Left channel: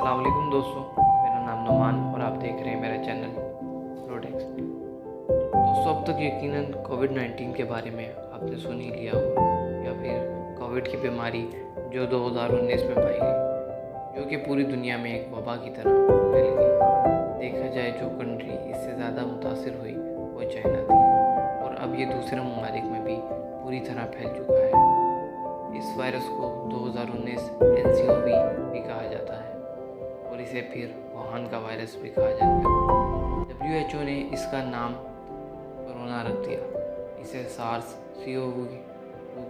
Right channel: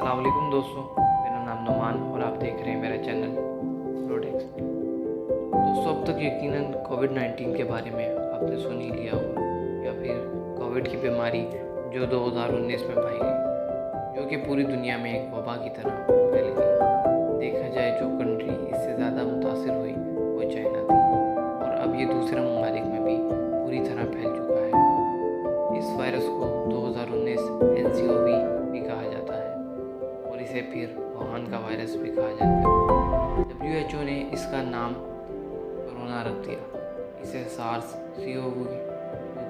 अस्सलाम वालेकुम दोस्तों, मेरा नाम नुमान और आप देख रहे हैं मेरा चैनल प्रोडेक्स। दोस्तों, अब तक यकीनन कोविड-19 के बारे में आपने सुन ही लिया होगा या फिर कोविड की बीमारी जो 2019 में पाई गई, जो कि पूरी दुनिया में एक वबा की तरह फैल गई। देखा जाए जो कंट्री इससे ज़्यादा मुतासिर हुई वो चाइना थी और अब ये दूसरे ममालिक में भी पूरी तरह फैल चुका है। इस वायरस को 2019 NCOV भी कहा जाता है और इसे फिर वुहान का वायरस भी कहा जाता है। WHO ने इसका नाम कोरोना रख दिया। इसे सार्स CoV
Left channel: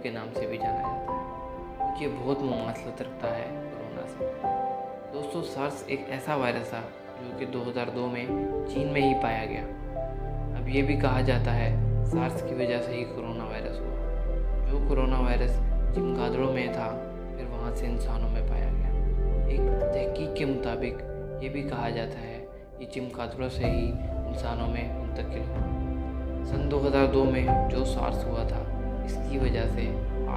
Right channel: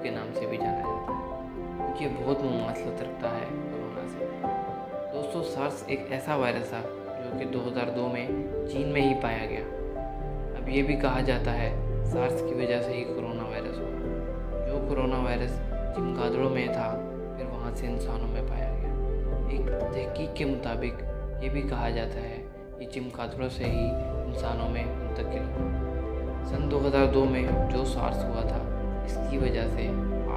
के नाम से भी जाना जाता है क्योंकि ये बहुत मुमासलत रखता है कोरोना से। दोस्तों, सार्स एक ऐसा वायरस था जो कि 2002 में चीन में ही पाया गया। अब ये भी कहा जाता है सार्स की वजह से ही कोरोना वायरस हुआ। जो कोरोना वायरस चमगादड़ों में था फिर वहाँ से इंसानों में पाया गया। एक तहकीक के मुताबिक ये भी कहा जाता है कि चमगादड़ों से ही इंसानों में मुंतकिल हुआ। सन 2002 में जो सार्स हुआ था इसकी वजह से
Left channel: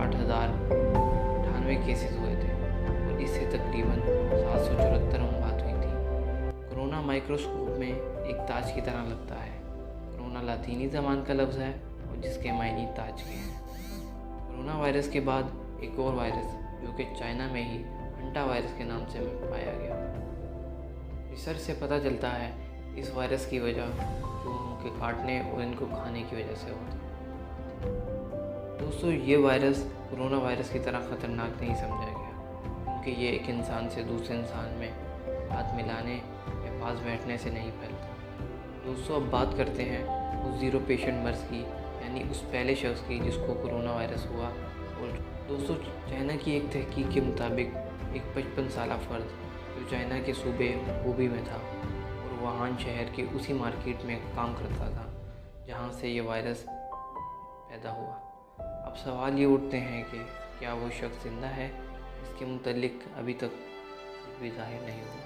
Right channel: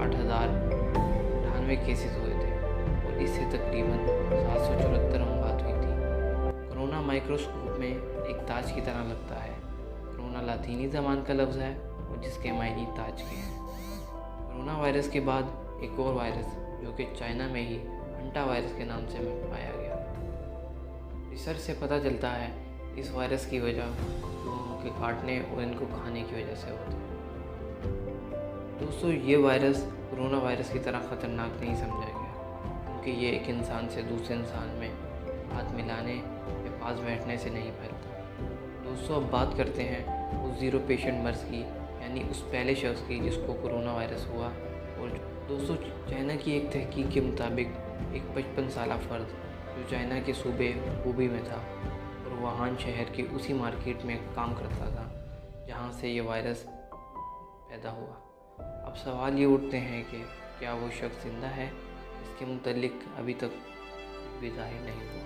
8,098 केसेस हुए थे और इससे तकरीबन 774 मौत हुई थी। कोरोना माइक्रोस्कोप में एक ताज की तरह लगता है। कोरोना लातीनी ज़बान का लफ्ज़ है और जिसके मायने ताज के हैं। कोरोना वायरस के बाद एक और वायरस जो कि चाइना में ही हंटा वायरस के नाम से पाया गया। रिसर्च से पता चलता है इस वायरस की वजह चूहों के काटने और इनको खाने की वजह से होती है। दोस्तों, ये वायरस कोरोना वायरस की तरह ख़तरनाक नहीं समझा गया क्योंकि ये एक इंसान से दूसरे इंसान में हाथ मिलाने या पास बैठने से नहीं फैलता। दोस्तों, अब बात करते हैं उस ज़ीरो पेशेंट मर्ज की, यानी उस पहले शख्स की जिसको कोरोना वायरस हुआ। और दोस्तों, चाइना की एक तहकीक के मुताबिक एक 55 साला फ़र्द जो चाइना के सूबे हूबी में था और वुहान शहर के उसी मार्केट में काम करता था जहां से ये वायरस पैदा हुआ। अब सवाल ये उठते हैं कि क्या वो शख्स ज़िंदा है? इसके मुतल्लिक अभी तक भी ज़ाहिर नहीं हुआ।